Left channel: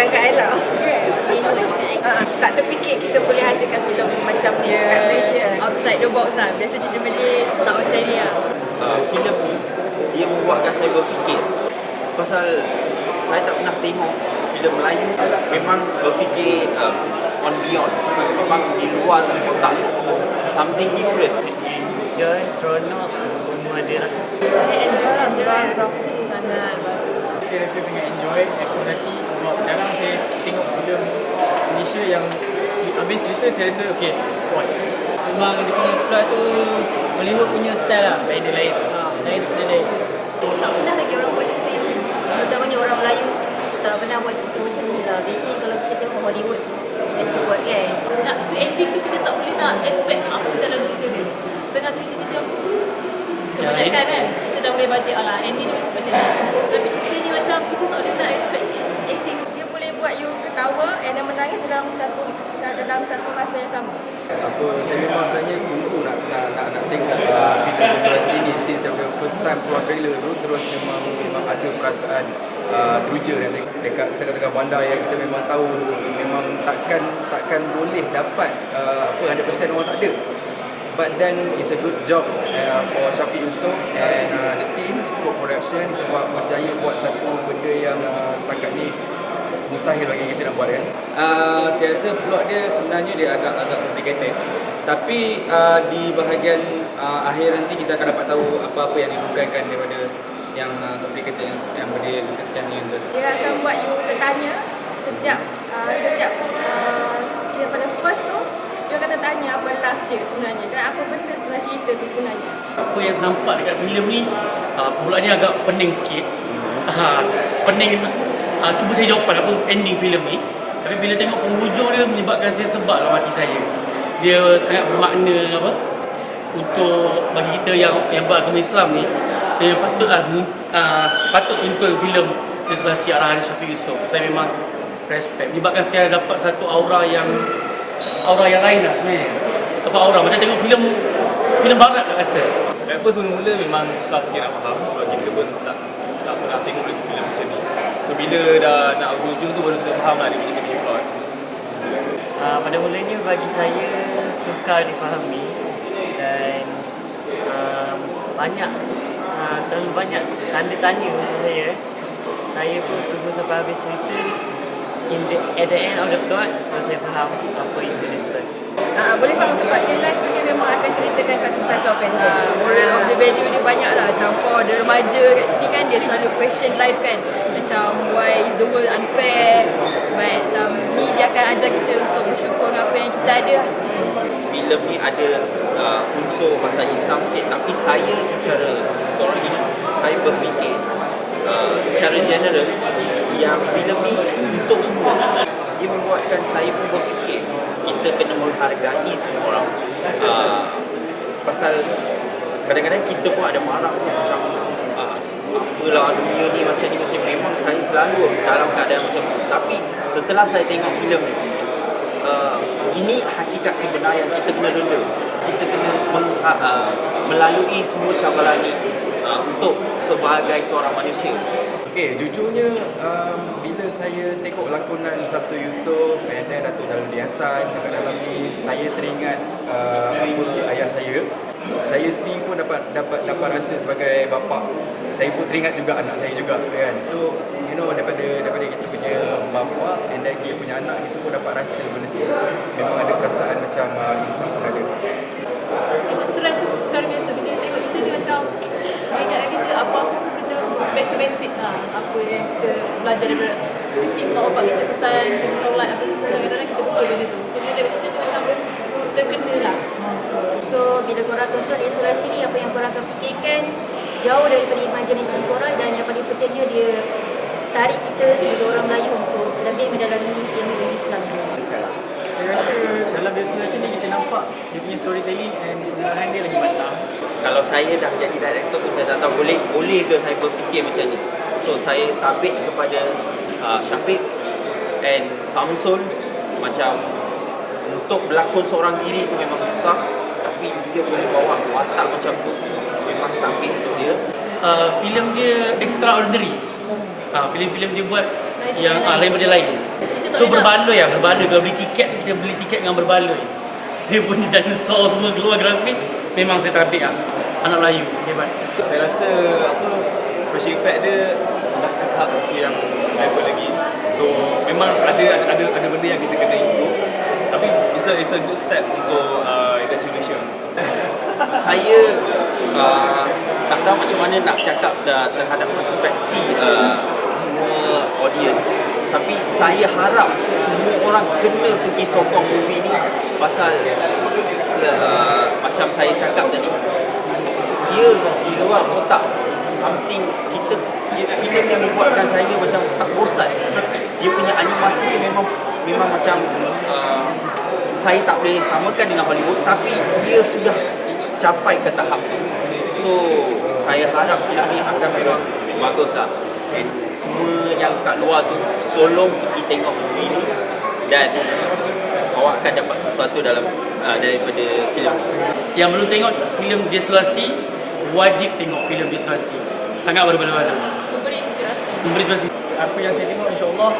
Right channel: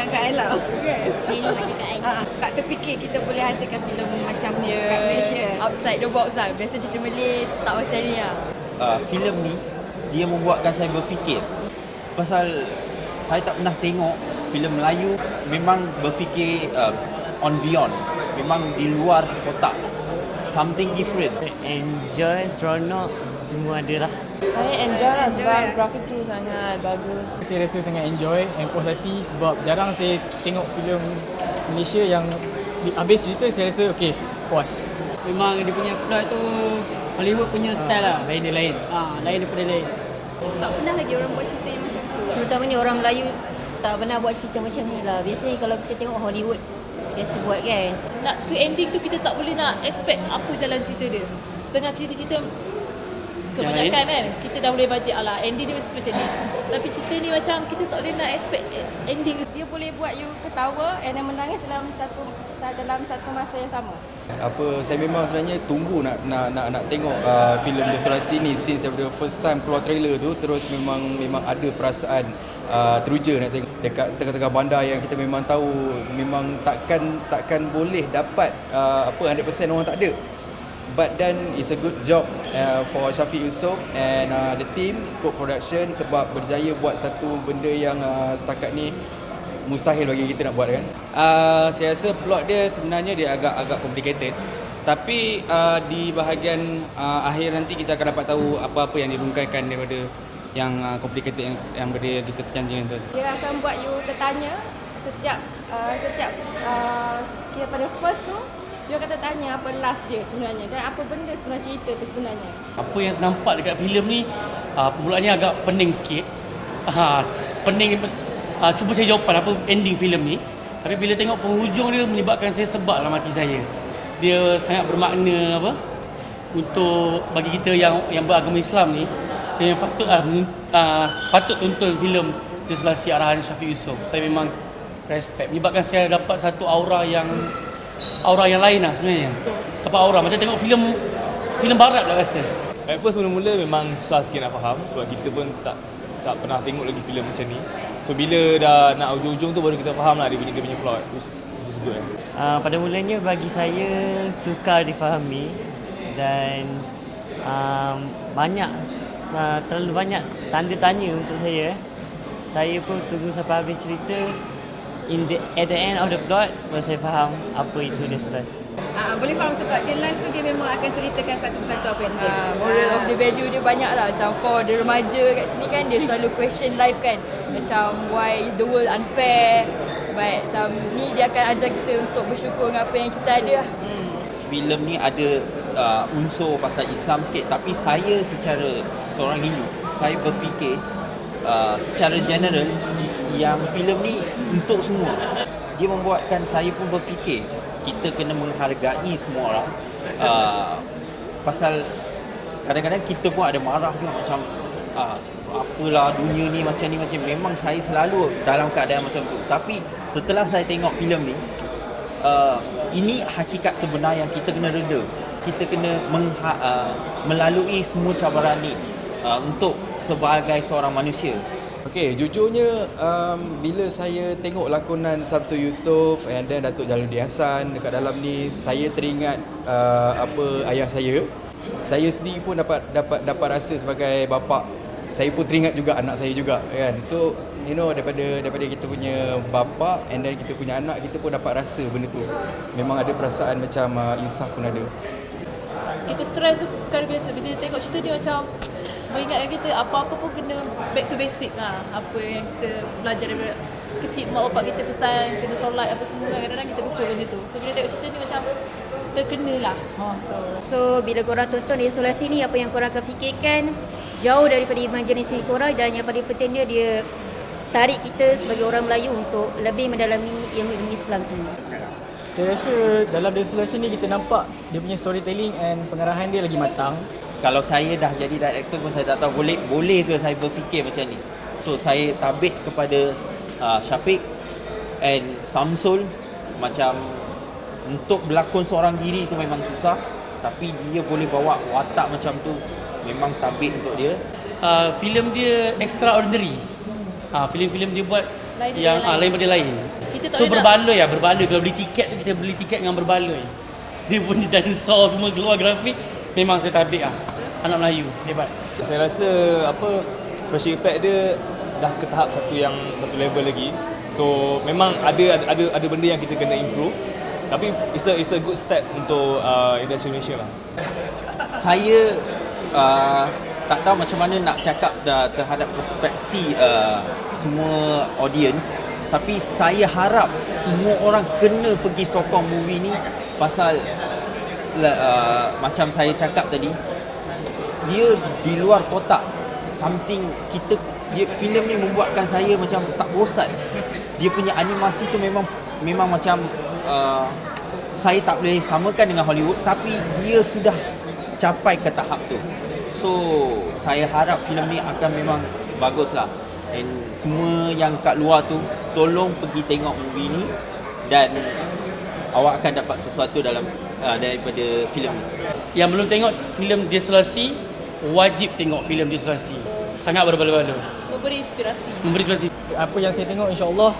tinggal kat Ella. Tak terfikir kita boleh hasilkan filem macam ni kat Malaysia. Outside the box lah. Biasa cerita Malay tak macam ni lah. Filem ni dia membuatkan saya berfikir. Pasal saya tak pernah tengok filem Melayu memang berfikir on beyond. Memang di luar kotak. Something different. Enjoy, seronok, semua ada lah. Saya enjoy lah sebab grafik tu sangat bagus. Saya rasa sangat enjoy and puas hati sebab jarang saya tengok filem Malaysia yang habis cerita saya rasa okey, puas. Memang dia punya plot tu Hollywood punya style lah. Lain dia lain. Lain daripada lain. Tak pernah lagi orang buat cerita yang macam tu. Terutamanya orang Melayu tak pernah buat cerita macam ni lah. Biasanya kalau kita tengok Hollywood biasa buat kan. Nak ke ending tu kita tak boleh nak expect apa dalam cerita dia. Setengah cerita-cerita kebanyakan kan kita dah boleh baca alah ending dia macam ni. Tapi cerita ni macam kita tak boleh nak expect ending. You boleh buat you ketawa and menangis dalam satu masa yang sama. Saya memang sebenarnya tunggu nak tengok filem Restorasi ni since daripada first time keluar trailer tu, terus memang ada perasaan teruja nak tengok dekat tengah-tengah bandar yang kita memang tahu memang takkan boleh dapat 100% orang tak ada. But then it's a good job for Syafiq Yusof and the team Scope Production sebab berjaya buat satu benda yang setakat ni mustahil bagi kita nak buat kan. Saya rasa plot dia sebenarnya dia agak complicated. Tapi di bahagian akhir nanti kita akan dapat tahu apa-apa yang dihungkaikan daripada yang complicated yang benda yang kita cantik tu. Dia akan buat you bertanya setiap daripada first tu dia akan tanya apa last dia sebenarnya dan apa benda sebenarnya cerita tu sebenarnya. Apa yang saya nampak dekat filem ni permulaannya agak pening sikit. Pening cuba saya jawapan apa ending filem ni. Tapi bila tengok penghujung dia menyebabkan saya sebab dalam hati saya. Dia sangat bermakna untuk bagi kita yang beragama Islam ni. Dia patut tonton filem Restorasi arahan Syafiq Yusof. Saya memang respect. Menyebabkan saya dapat satu aura yang lain lah sebenarnya. Apa aura macam tengok filem barat lah rasa. At first mula-mula memang susah sikit nak faham sebab kita pun tak pernah tengok lagi filem macam ni. So bila dah nak ujung-ujung tu baru kita faham lah dia punya plot. Pada mulanya bagi saya sukar difahami dan terlalu banyak tanda tanya untuk saya. Saya pun tunggu sampai habis cerita. At the end of the plot baru saya faham apa itu Restorasi. Boleh faham sebab dia last tu dia memang akan ceritakan satu persatu apa yang terjadi. Moral of the value dia banyak lah. Macam for the remaja kat sini kan dia selalu question life kan. Macam why is the world unfair. But macam ni dia akan ajar kita untuk bersyukur dengan apa yang kita ada. Filem ni ada unsur pasal Islam sikit, tapi saya secara seorang Hindu, saya berfikir secara general yang filem ni untuk semua. Dia membuatkan saya pun berfikir kita kena menghargai semua orang. Pasal kadang-kadang kita pun ada marah pun macam apalah dunia ni macam ni, macam memang saya selalu dalam keadaan macam tu. Tapi setelah saya tengok filem ni, ini hakikat sebenar yang kita kena reda. Kita kena melalui semua cabaran ni untuk sebagai seorang manusia. Okay, jujurnya bila saya tengok lakonan Samsul Yusof and then Datuk Jalaluddin Hassan dekat dalam ni, saya teringat apa ayah saya. Saya sendiri pun dapat rasa sebagai bapa. Saya pun teringat juga anak saya juga kan. So, you know daripada kita punya bapa and then kita punya anak, kita pun dapat rasa benda tu. Memang ada perasaan macam insaf pun ada. Kita stres tu bukan biasa. Bila tengok cerita ni macam mengingatkan kita apa-apa pun kena back to basic lah. Apa yang kita belajar daripada kecil, mak bapak kita pesan, kita solat apa semua, kadang-kadang kita lupa benda tu. So bila tengok cerita ni macam terkena lah. So bila korang tonton Restorasi ni, apa yang korang akan fikirkan jauh daripada imajinasi korang dan yang paling pentingnya dia tarik kita sebagai orang Melayu untuk lebih mendalami ilmu Islam semua. Saya rasa dalam Restorasi ni kita nampak dia punya storytelling and pengarahan dia lagi matang. Kalau saya dah jadi director pun saya tak tahu boleh ke saya berfikir macam ni. So saya tabik kepada Syafiq and Samsul, macam untuk berlakon seorang diri itu memang susah, tapi dia boleh bawa watak macam tu, memang tabik untuk dia. Filem dia extraordinary. Filem-filem dia buat lain benda lain. Kita tak So boleh berbaloi kalau beli tiket kita beli tiket dengan berbaloi. Dia punya dinosaur semua keluar grafik memang saya tabik lah. Anak Melayu hebat. Saya rasa special effect dia dah ke tahap satu yang level lagi. So memang ada benda yang kita kena improve. Tapi it's a good step untuk industri Malaysia. Saya tak tahu macam mana nak cakap terhadap perspektif semua audience, tapi saya harap semua orang kena pergi sokong movie ni pasal macam saya cakap tadi, dia di luar kotak, something filem ni membuatkan saya macam tak bosan. Dia punya animasi tu memang macam saya tak boleh samakan dengan Hollywood, tapi dia sudah capai ke tahap tu. So saya harap filem ni akan memang baguslah. And semua yang kat luar tu tolong pergi tengok movie ni dan awak akan dapat sesuatu daripada filem ni. Yang belum tengok filem Desolasi wajib tengok filem Desolasi. Sangat berbeza-beza. Memberi inspirasi. Apa yang saya tengok, insya-Allah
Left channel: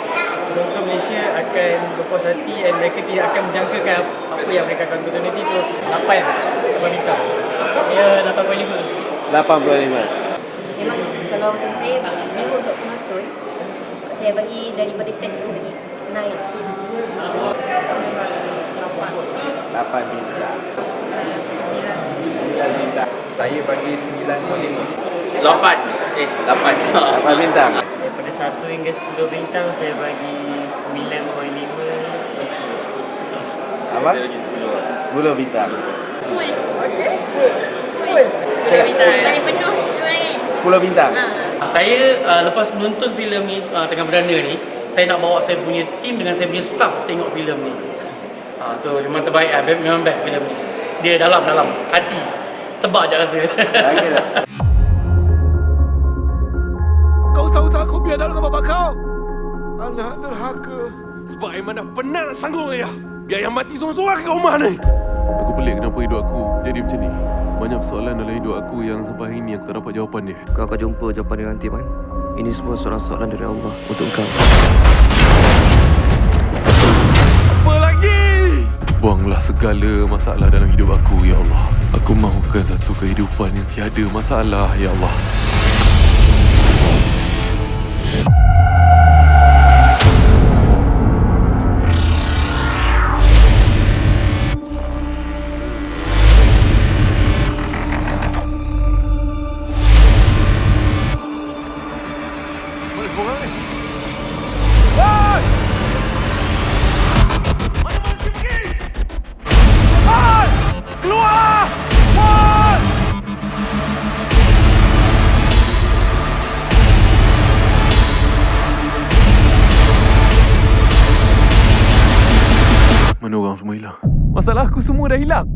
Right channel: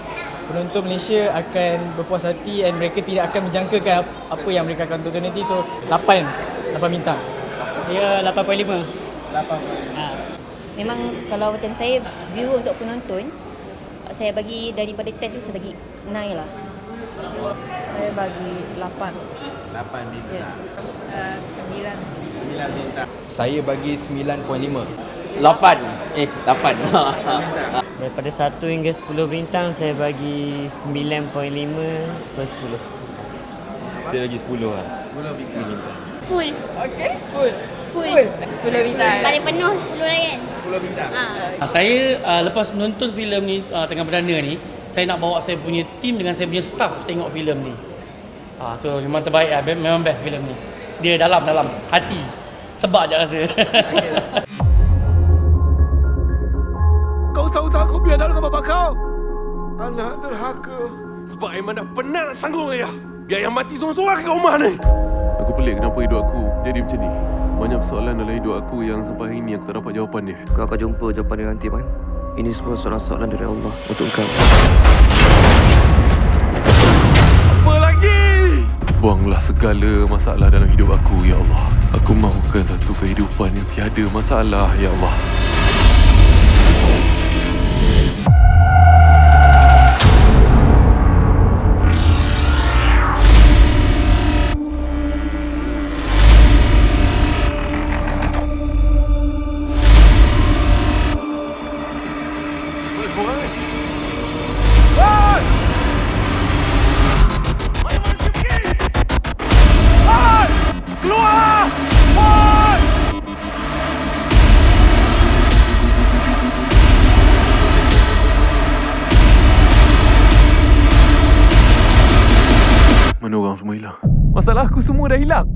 penonton Malaysia akan berpuas hati dan mereka tidak akan menjangkakan apa yang mereka akan tonton nanti. So 8 bintang. Ya 8.5. Memang kalau macam saya review untuk penonton, saya bagi daripada 10 tu saya bagi 9 lah. Saya bagi 8 bintang. 9 bintang. Saya bagi 9.5. 8 bintang. Daripada 1 hingga 10 bintang saya bagi 9.5 dan 10. Apa? Saya bagi 10 bintang. Full. 10 bintang. Paling penuh 10 kan? 10 bintang. Saya lepas menonton filem ni tengah perdana ni, saya nak bawa saya punya team dengan saya punya staff tengok filem ni. So memang terbaik lah, memang best filem ni. Dia dalam hati. Sebab je rasa. Kau tahu tak kau biar dengan bapak kau? Anak derhaka. Sebab Aiman dah penat nak tanggung ayah. Biar yang mati seorang-seorang kat rumah ni. Aku pelik kenapa hidup aku jadi macam ni. Banyak persoalan dalam hidup aku yang sampai hari ni aku tak dapat jawapan dia. Kau akan jumpa jawapan dia nanti, Man. Ini semua soalan-soalan dari Allah untuk kau. Apa lagi? Buanglah segala masalah dalam hidup aku, Ya Allah. Aku mahukan satu kehidupan yang tiada masalah, Ya Allah. Mana semua orang ni? Woi! Mana manusia pergi? Woi! Keluar! Woi! Mana orang semua hilang? Masalah aku semua dah hilang.